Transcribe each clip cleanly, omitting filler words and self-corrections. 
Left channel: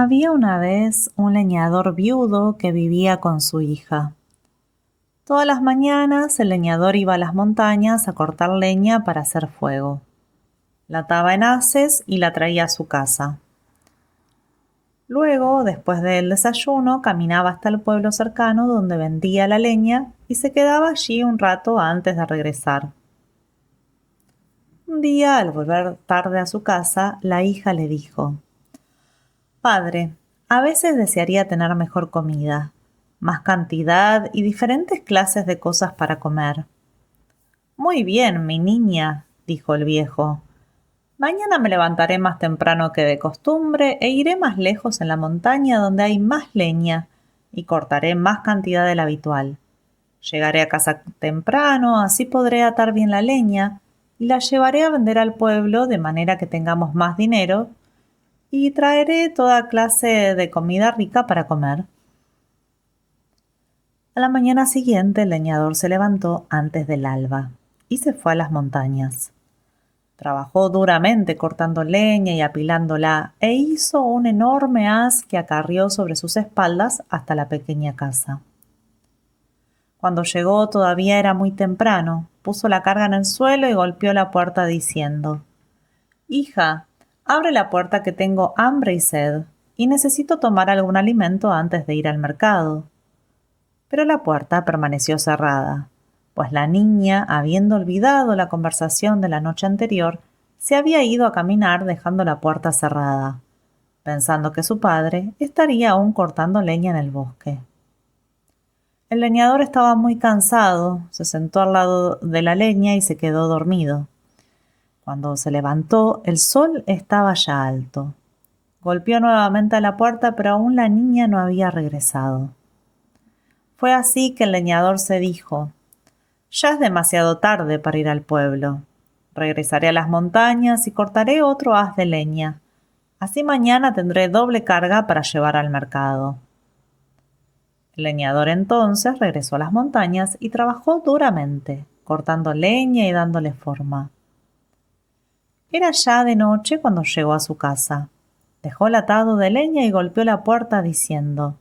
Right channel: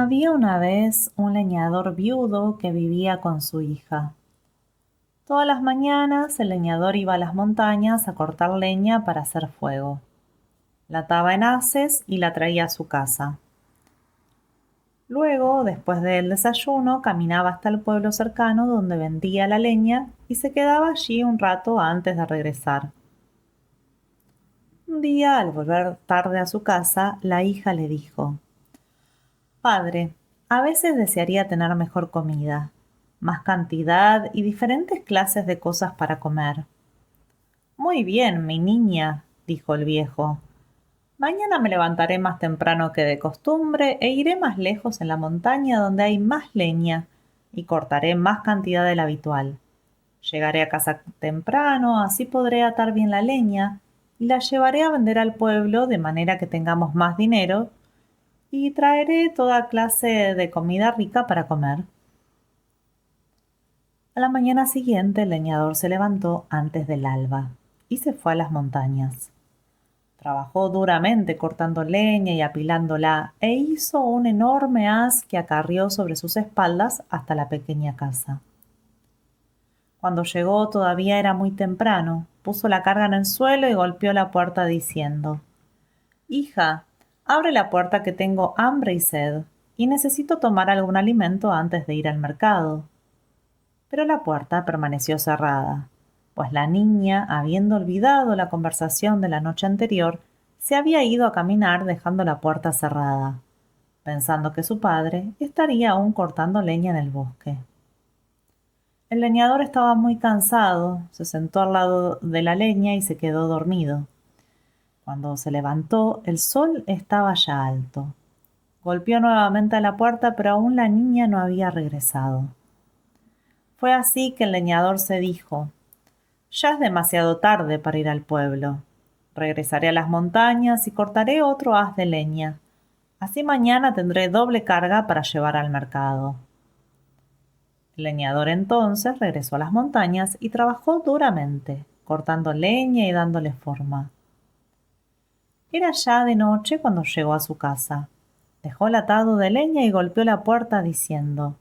Había una vez un leñador viudo que vivía con su hija. Todas las mañanas el leñador iba a las montañas a cortar leña para hacer fuego. La ataba en haces y la traía a su casa. Luego, después del desayuno, caminaba hasta el pueblo cercano donde vendía la leña y se quedaba allí un rato antes de regresar. Un día, al volver tarde a su casa, la hija le dijo: «Padre, a veces desearía tener mejor comida, más cantidad y diferentes clases de cosas para comer». «Muy bien, mi niña», dijo el viejo. «Mañana me levantaré más temprano que de costumbre e iré más lejos en la montaña donde hay más leña y cortaré más cantidad de la habitual. Llegaré a casa temprano, así podré atar bien la leña y la llevaré a vender al pueblo de manera que tengamos más dinero y traeré toda clase de comida rica para comer». A la mañana siguiente el leñador se levantó antes del alba y se fue a las montañas. Trabajó duramente cortando leña y apilándola e hizo un enorme haz que acarrió sobre sus espaldas hasta la pequeña casa. Cuando llegó todavía era muy temprano. Puso la carga en el suelo y golpeó la puerta diciendo: «Hija, abre la puerta que tengo hambre y sed, y necesito tomar algún alimento antes de ir al mercado». Pero la puerta permaneció cerrada, pues la niña, habiendo olvidado la conversación de la noche anterior, se había ido a caminar dejando la puerta cerrada, pensando que su padre estaría aún cortando leña en el bosque. El leñador estaba muy cansado, se sentó al lado de la leña y se quedó dormido. Cuando se levantó, el sol estaba ya alto. Golpeó nuevamente a la puerta, pero aún la niña no había regresado. Fue así que el leñador se dijo: «Ya es demasiado tarde para ir al pueblo. Regresaré a las montañas y cortaré otro haz de leña. Así mañana tendré doble carga para llevar al mercado». El leñador entonces regresó a las montañas y trabajó duramente, cortando leña y dándole forma. Era ya de noche cuando llegó a su casa. Dejó el atado de leña y golpeó la puerta diciendo:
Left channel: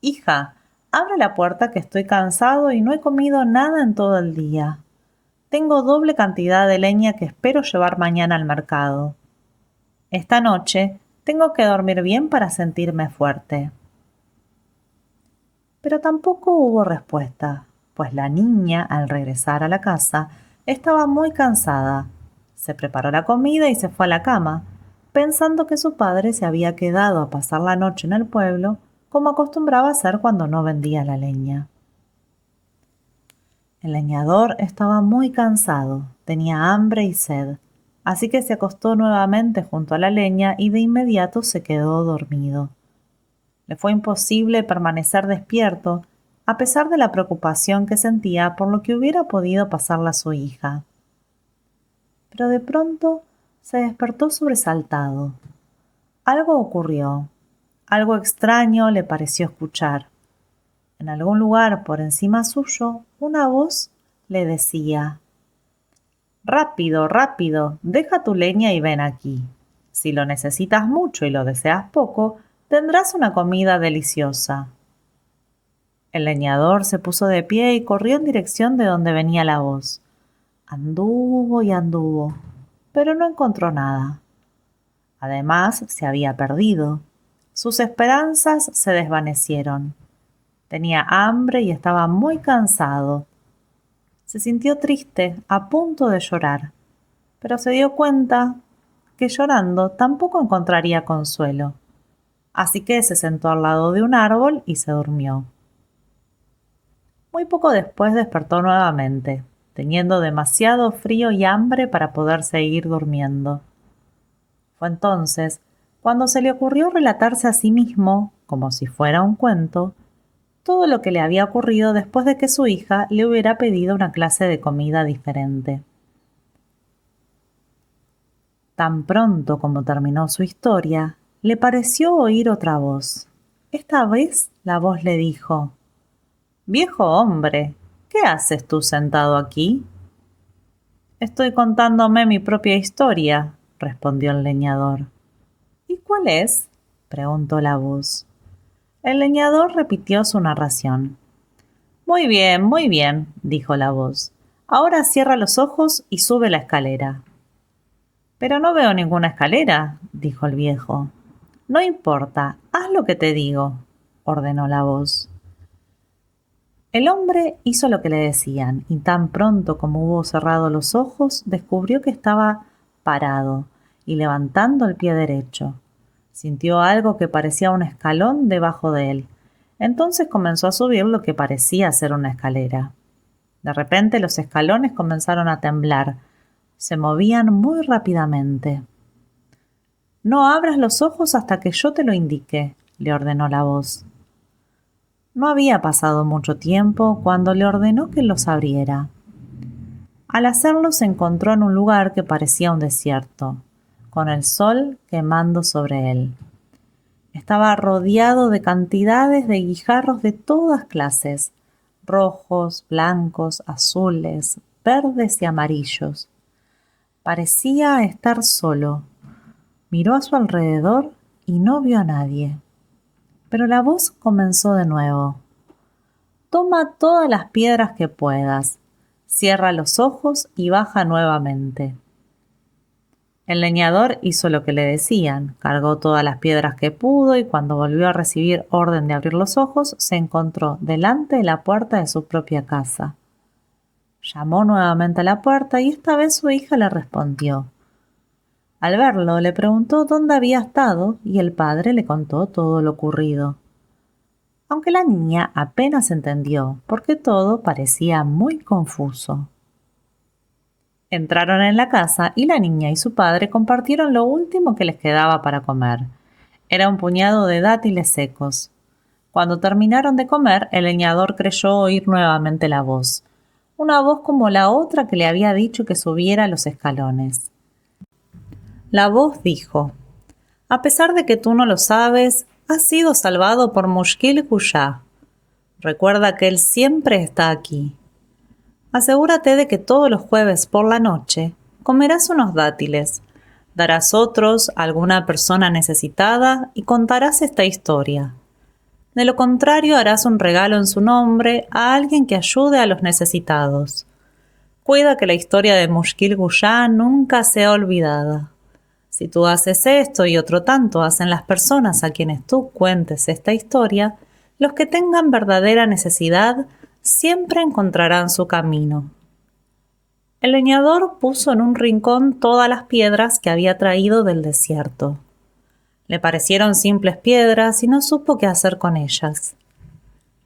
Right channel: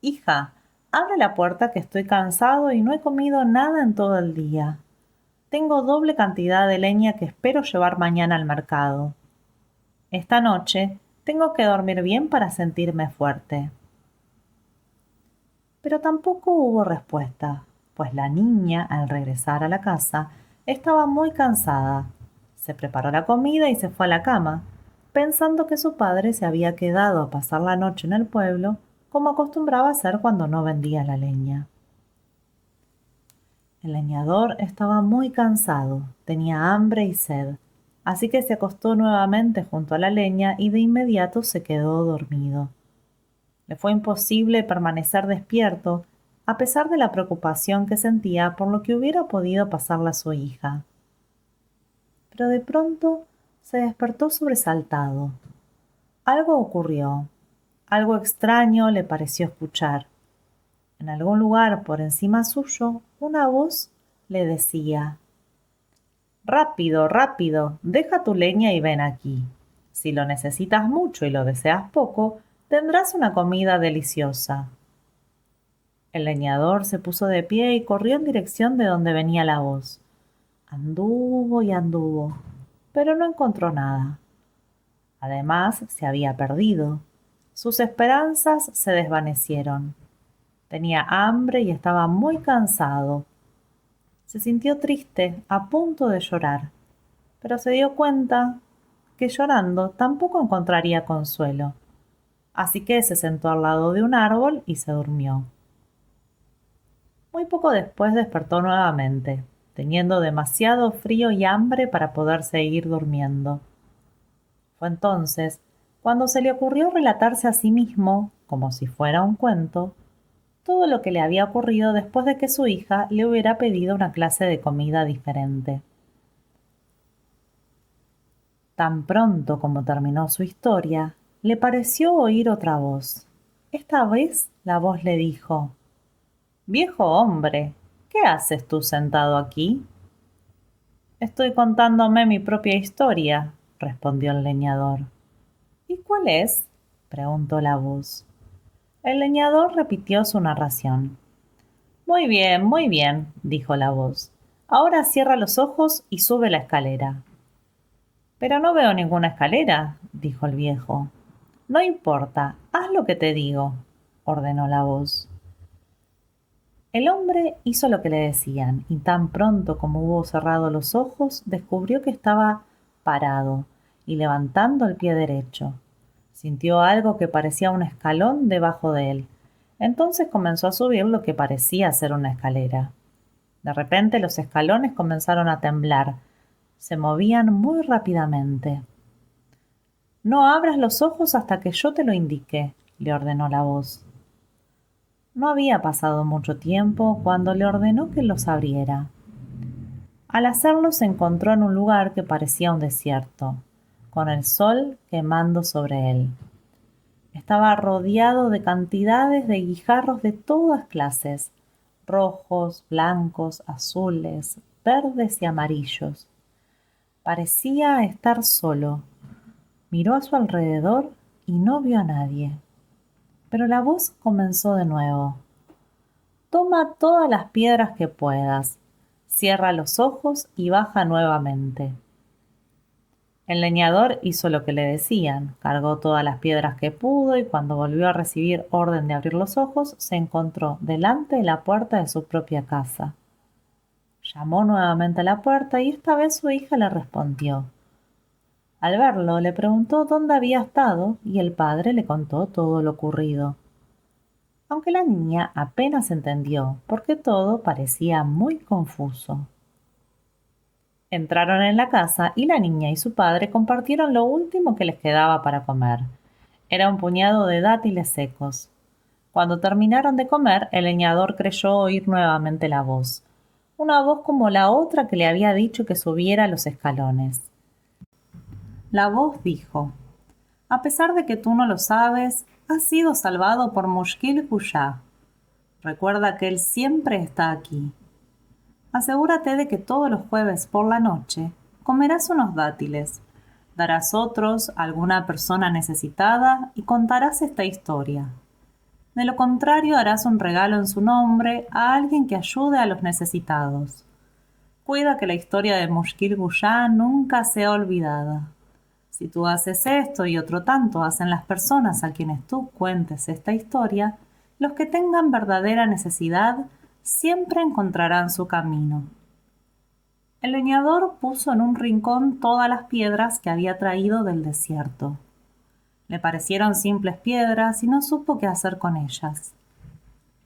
«Hija, abre la puerta que estoy cansado y no he comido nada en todo el día. Tengo doble cantidad de leña que espero llevar mañana al mercado. Esta noche tengo que dormir bien para sentirme fuerte». Pero tampoco hubo respuesta, pues la niña, al regresar a la casa, estaba muy cansada. Se preparó la comida y se fue a la cama, pensando que su padre se había quedado a pasar la noche en el pueblo, como acostumbraba hacer cuando no vendía la leña. El leñador estaba muy cansado, tenía hambre y sed, así que se acostó nuevamente junto a la leña y de inmediato se quedó dormido. Le fue imposible permanecer despierto, a pesar de la preocupación que sentía por lo que hubiera podido pasarle a su hija. Pero de pronto se despertó sobresaltado. Algo ocurrió. Algo extraño le pareció escuchar. En algún lugar por encima suyo, una voz le decía: «Rápido, rápido, deja tu leña y ven aquí. Si lo necesitas mucho y lo deseas poco, tendrás una comida deliciosa». El leñador se puso de pie y corrió en dirección de donde venía la voz. Anduvo y anduvo, pero no encontró nada. Además, se había perdido. Sus esperanzas se desvanecieron. Tenía hambre y estaba muy cansado. Se sintió triste, a punto de llorar, pero se dio cuenta que llorando tampoco encontraría consuelo. Así que se sentó al lado de un árbol y se durmió. Muy poco después despertó nuevamente, teniendo demasiado frío y hambre para poder seguir durmiendo. Fue entonces cuando se le ocurrió relatarse a sí mismo, como si fuera un cuento, todo lo que le había ocurrido después de que su hija le hubiera pedido una clase de comida diferente. Tan pronto como terminó su historia, le pareció oír otra voz. Esta vez la voz le dijo: «Viejo hombre, ¿qué haces tú sentado aquí?». «Estoy contándome mi propia historia», respondió el leñador. «¿Y cuál es?», preguntó la voz. El leñador repitió su narración. Muy bien, dijo la voz. Ahora cierra los ojos y sube la escalera. Pero no veo ninguna escalera, dijo el viejo. No importa, haz lo que te digo, ordenó la voz. El hombre hizo lo que le decían, y tan pronto como hubo cerrado los ojos, descubrió que estaba parado y levantando el pie derecho. Sintió algo que parecía un escalón debajo de él. Entonces comenzó a subir lo que parecía ser una escalera. De repente los escalones comenzaron a temblar. Se movían muy rápidamente. No abras los ojos hasta que yo te lo indique, le ordenó la voz. No había pasado mucho tiempo cuando le ordenó que los abriera. Al hacerlo se encontró en un lugar que parecía un desierto, con el sol quemando sobre él. Estaba rodeado de cantidades de guijarros de todas clases, rojos, blancos, azules, verdes y amarillos. Parecía estar solo. Miró a su alrededor y no vio a nadie. Pero la voz comenzó de nuevo. Toma todas las piedras que puedas, cierra los ojos y baja nuevamente. El leñador hizo lo que le decían, cargó todas las piedras que pudo y cuando volvió a recibir orden de abrir los ojos, se encontró delante de la puerta de su propia casa. Llamó nuevamente a la puerta y esta vez su hija le respondió. Al verlo, le preguntó dónde había estado y el padre le contó todo lo ocurrido. Aunque la niña apenas entendió, porque todo parecía muy confuso. Entraron en la casa y la niña y su padre compartieron lo último que les quedaba para comer. Era un puñado de dátiles secos. Cuando terminaron de comer, el leñador creyó oír nuevamente la voz. Una voz como la otra que le había dicho que subiera los escalones. La voz dijo, a pesar de que tú no lo sabes, has sido salvado por Mushkil Kushá. Recuerda que él siempre está aquí. Asegúrate de que todos los jueves por la noche comerás unos dátiles, darás otros a alguna persona necesitada y contarás esta historia. De lo contrario, harás un regalo en su nombre a alguien que ayude a los necesitados. Cuida que la historia de Mushkil Kushá nunca sea olvidada. Si tú haces esto y otro tanto hacen las personas a quienes tú cuentes esta historia, los que tengan verdadera necesidad siempre encontrarán su camino. El leñador puso en un rincón todas las piedras que había traído del desierto. Le parecieron simples piedras y no supo qué hacer con ellas.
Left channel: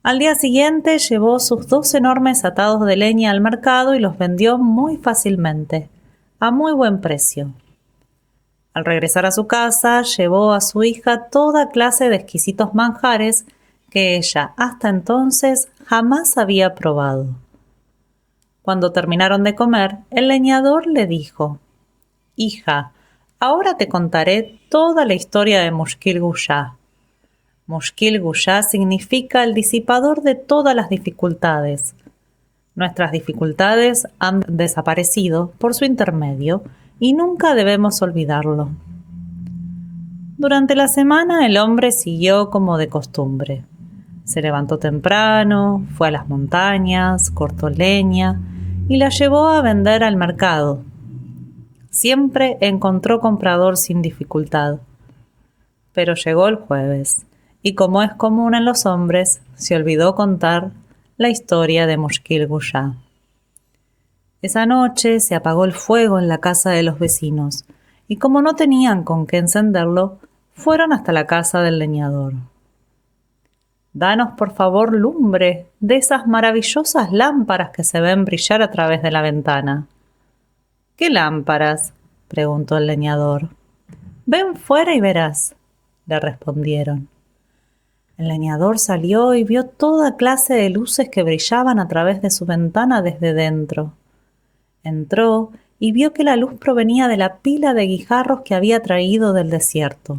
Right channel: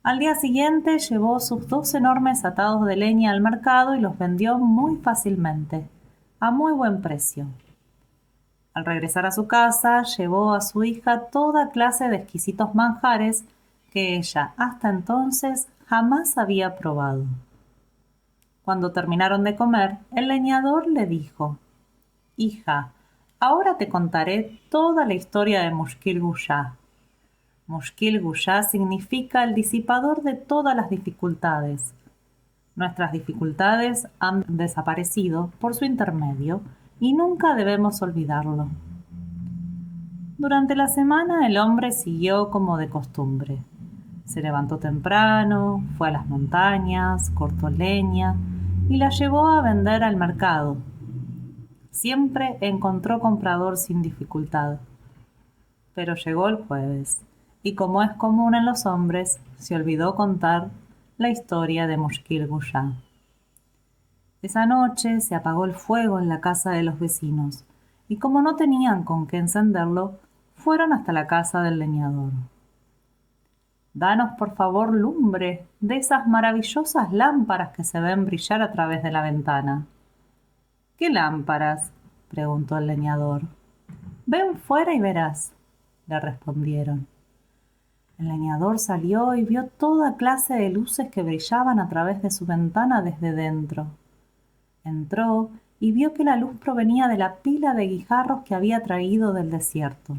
Al día siguiente llevó sus 2 enormes atados de leña al mercado y los vendió muy fácilmente, a muy buen precio. Al regresar a su casa, llevó a su hija toda clase de exquisitos manjares que ella hasta entonces jamás había probado. Cuando terminaron de comer, el leñador le dijo, «Hija, ahora te contaré toda la historia de Mushkil Kushá. Mushkil Kushá significa el disipador de todas las dificultades. Nuestras dificultades han desaparecido por su intermedio y nunca debemos olvidarlo». Durante la semana el hombre siguió como de costumbre. Se levantó temprano, fue a las montañas, cortó leña y la llevó a vender al mercado. Siempre encontró comprador sin dificultad. Pero llegó el jueves y, como es común en los hombres, se olvidó contar la historia de Mushkil Kushá. Esa noche se apagó el fuego en la casa de los vecinos y como no tenían con qué encenderlo, fueron hasta la casa del leñador. «Danos por favor lumbre de esas maravillosas lámparas que se ven brillar a través de la ventana». «¿Qué lámparas?», preguntó el leñador. «Ven fuera y verás», le respondieron. El leñador salió y vio toda clase de luces que brillaban a través de su ventana desde dentro. Entró y vio que la luz provenía de la pila de guijarros que había traído del desierto.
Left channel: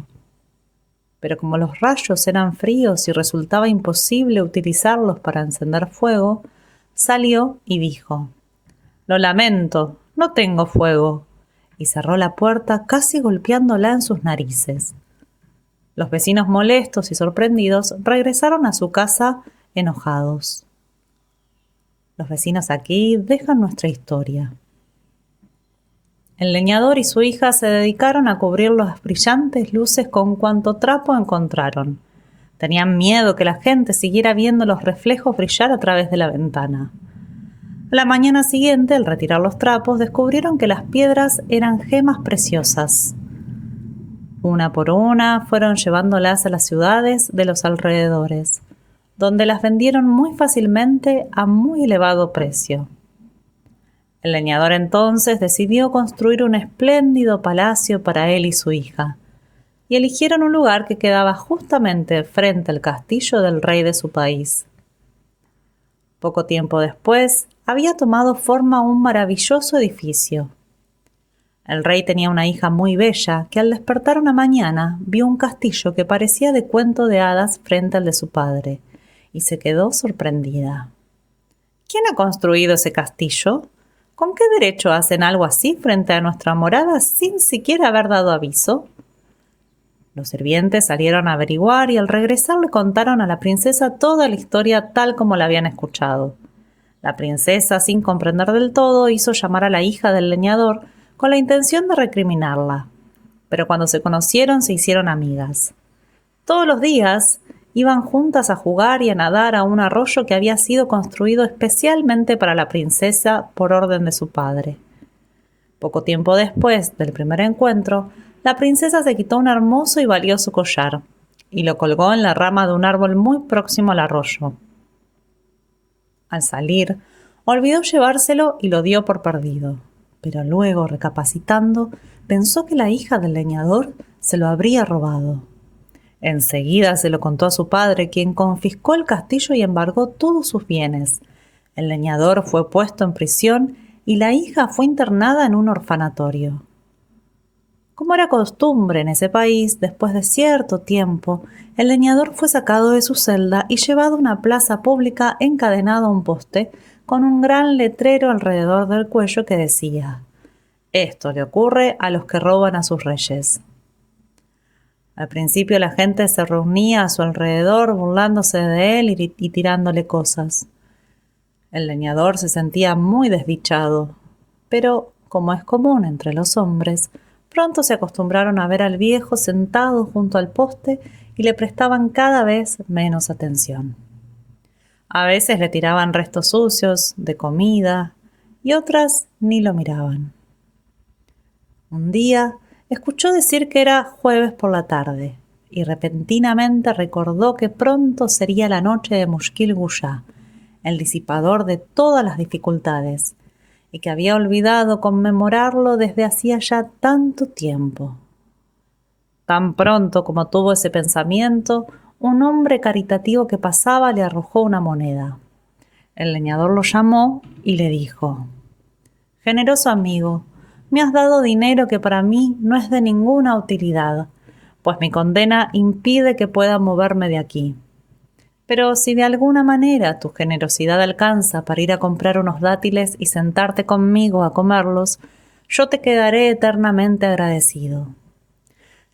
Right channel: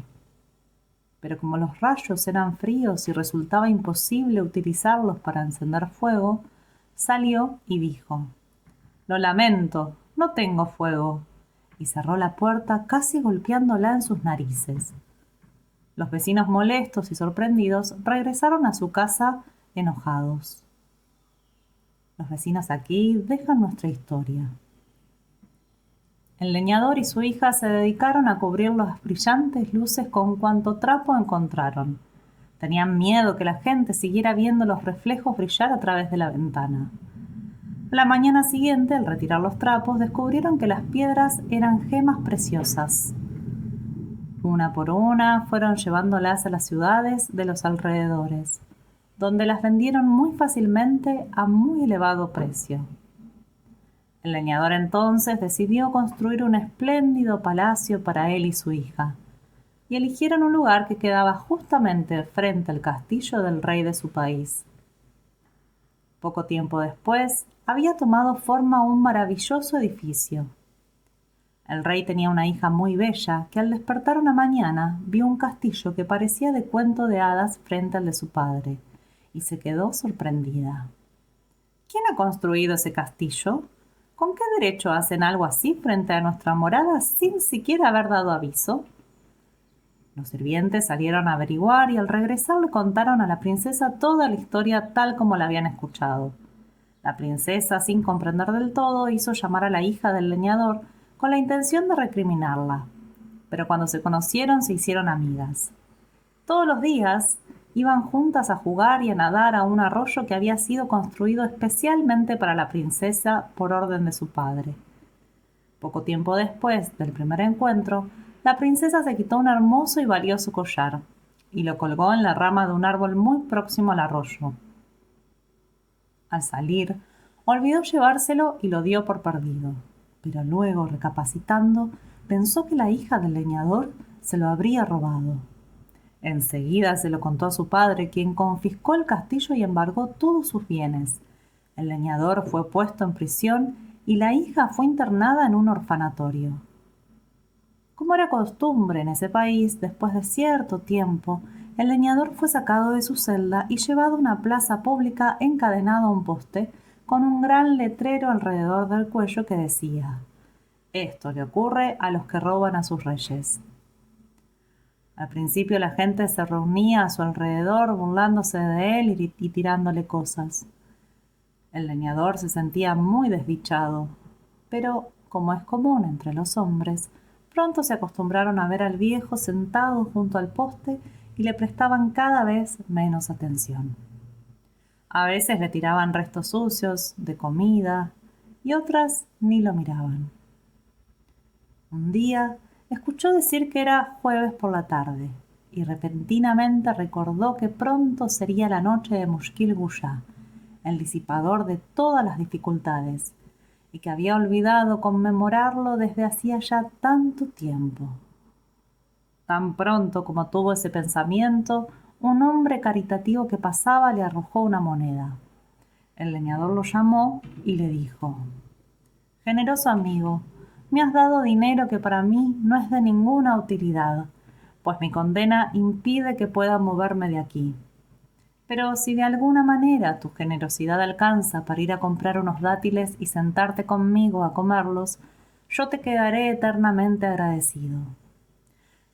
Pero como los rayos eran fríos y resultaba imposible utilizarlos para encender fuego, salió y dijo, «Lo lamento, no tengo fuego», y cerró la puerta casi golpeándola en sus narices. Los vecinos molestos y sorprendidos regresaron a su casa enojados. Los vecinos aquí dejan nuestra historia. El leñador y su hija se dedicaron a cubrir las brillantes luces con cuanto trapo encontraron. Tenían miedo que la gente siguiera viendo los reflejos brillar a través de la ventana. A la mañana siguiente, al retirar los trapos, descubrieron que las piedras eran gemas preciosas. Una por una fueron llevándolas a las ciudades de los alrededores, donde las vendieron muy fácilmente a muy elevado precio. El leñador entonces decidió construir un espléndido palacio para él y su hija, y eligieron un lugar que quedaba justamente frente al castillo del rey de su país. Poco tiempo después, había tomado forma un maravilloso edificio. El rey tenía una hija muy bella que al despertar una mañana vio un castillo que parecía de cuento de hadas frente al de su padre, y se quedó sorprendida. ¿Quién ha construido ese castillo? ¿Con qué derecho hacen algo así frente a nuestra morada sin siquiera haber dado aviso? Los sirvientes salieron a averiguar y al regresar le contaron a la princesa toda la historia tal como la habían escuchado. La princesa, sin comprender del todo, hizo llamar a la hija del leñador con la intención de recriminarla. Pero cuando se conocieron se hicieron amigas. Todos los días iban juntas a jugar y a nadar a un arroyo que había sido construido especialmente para la princesa por orden de su padre. Poco tiempo después del primer encuentro, la princesa se quitó un hermoso y valioso collar y lo colgó en la rama de un árbol muy próximo al arroyo. Al salir, olvidó llevárselo y lo dio por perdido, pero luego, recapacitando, pensó que la hija del leñador se lo habría robado. Enseguida se lo contó a su padre, quien confiscó el castillo y embargó todos sus bienes. El leñador fue puesto en prisión y la hija fue internada en un orfanatorio. Como era costumbre en ese país, después de cierto tiempo, el leñador fue sacado de su celda y llevado a una plaza pública encadenado a un poste con un gran letrero alrededor del cuello que decía: «Esto le ocurre a los que roban a sus reyes». Al principio la gente se reunía a su alrededor burlándose de él y tirándole cosas. El leñador se sentía muy desdichado, pero, como es común entre los hombres, pronto se acostumbraron a ver al viejo sentado junto al poste y le prestaban cada vez menos atención. A veces le tiraban restos sucios de comida y otras ni lo miraban. Un día escuchó decir que era jueves por la tarde y repentinamente recordó que pronto sería la noche de Mushkil Guyá, el disipador de todas las dificultades, y que había olvidado conmemorarlo desde hacía ya tanto tiempo. Tan pronto como tuvo ese pensamiento, un hombre caritativo que pasaba le arrojó una moneda. El leñador lo llamó y le dijo: «Generoso amigo, me has dado dinero que para mí no es de ninguna utilidad, pues mi condena impide que pueda moverme de aquí. Pero si de alguna manera tu generosidad alcanza para ir a comprar unos dátiles y sentarte conmigo a comerlos, yo te quedaré eternamente agradecido».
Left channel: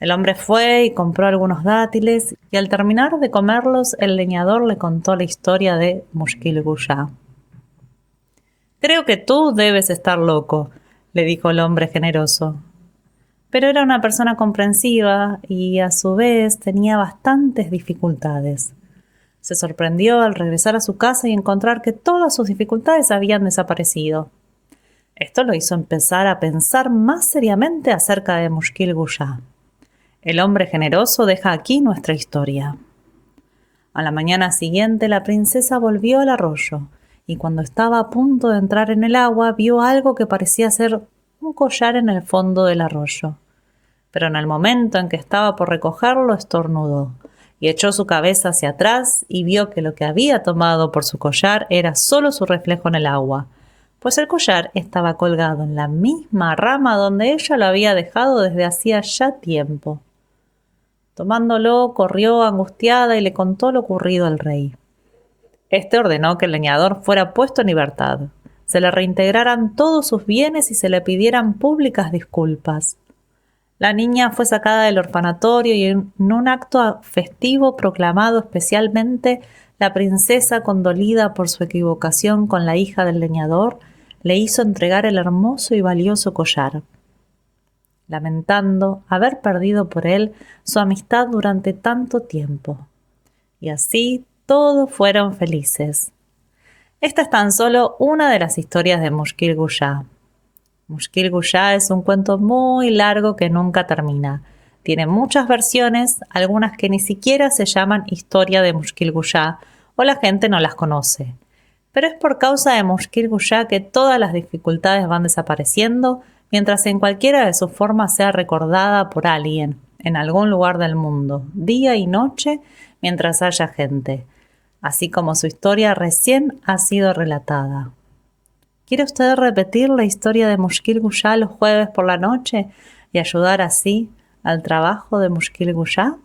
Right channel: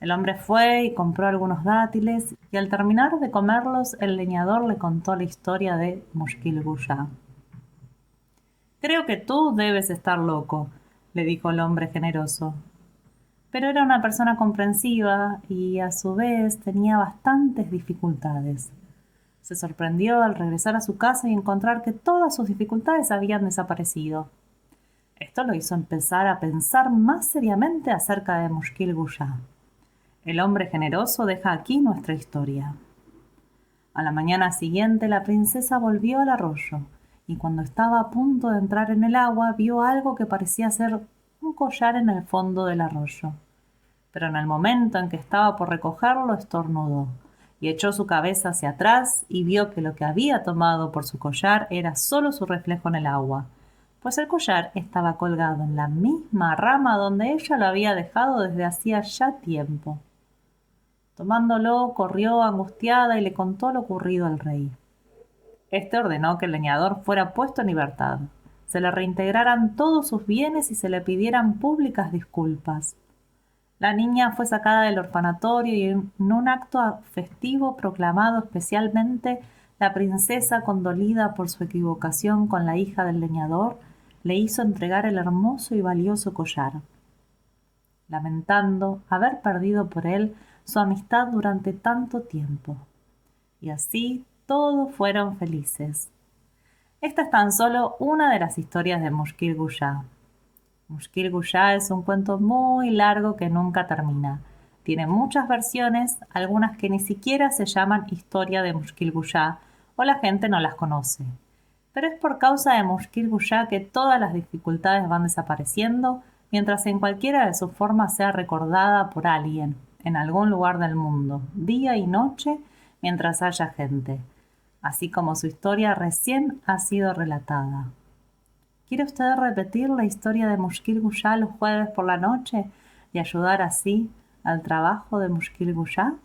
El hombre fue y compró algunos dátiles, y al terminar de comerlos, el leñador le contó la historia de Mushkil Guyá. «Creo que tú debes estar loco», le dijo el hombre generoso. Pero era una persona comprensiva y, a su vez, tenía bastantes dificultades. Se sorprendió al regresar a su casa y encontrar que todas sus dificultades habían desaparecido. Esto lo hizo empezar a pensar más seriamente acerca de Mushkil Guyá. El hombre generoso deja aquí nuestra historia. A la mañana siguiente la princesa volvió al arroyo y cuando estaba a punto de entrar en el agua vio algo que parecía ser un collar en el fondo del arroyo. Pero en el momento en que estaba por recogerlo estornudó y echó su cabeza hacia atrás y vio que lo que había tomado por su collar era solo su reflejo en el agua, pues el collar estaba colgado en la misma rama donde ella lo había dejado desde hacía ya tiempo. Tomándolo, corrió angustiada y le contó lo ocurrido al rey. Este ordenó que el leñador fuera puesto en libertad, se le reintegraran todos sus bienes y se le pidieran públicas disculpas. La niña fue sacada del orfanatorio y en un acto festivo proclamado especialmente, la princesa, condolida por su equivocación con la hija del leñador, le hizo entregar el hermoso y valioso collar, lamentando haber perdido por él su amistad durante tanto tiempo. Y así todos fueron felices. Esta es tan solo una de las historias de Mushkil Guyá. Mushkil Guyá es un cuento muy largo que nunca termina. Tiene muchas versiones, algunas que ni siquiera se llaman historia de Mushkil Guyá o la gente no las conoce. Pero es por causa de Mushkil Guyá que todas las dificultades van desapareciendo, mientras en cualquiera de sus formas sea recordada por alguien, en algún lugar del mundo, día y noche, mientras haya gente, así como su historia recién ha sido relatada. ¿Quiere usted repetir la historia de Mushkil Guyá los jueves por la noche y ayudar así al trabajo de Mushkil Guyá?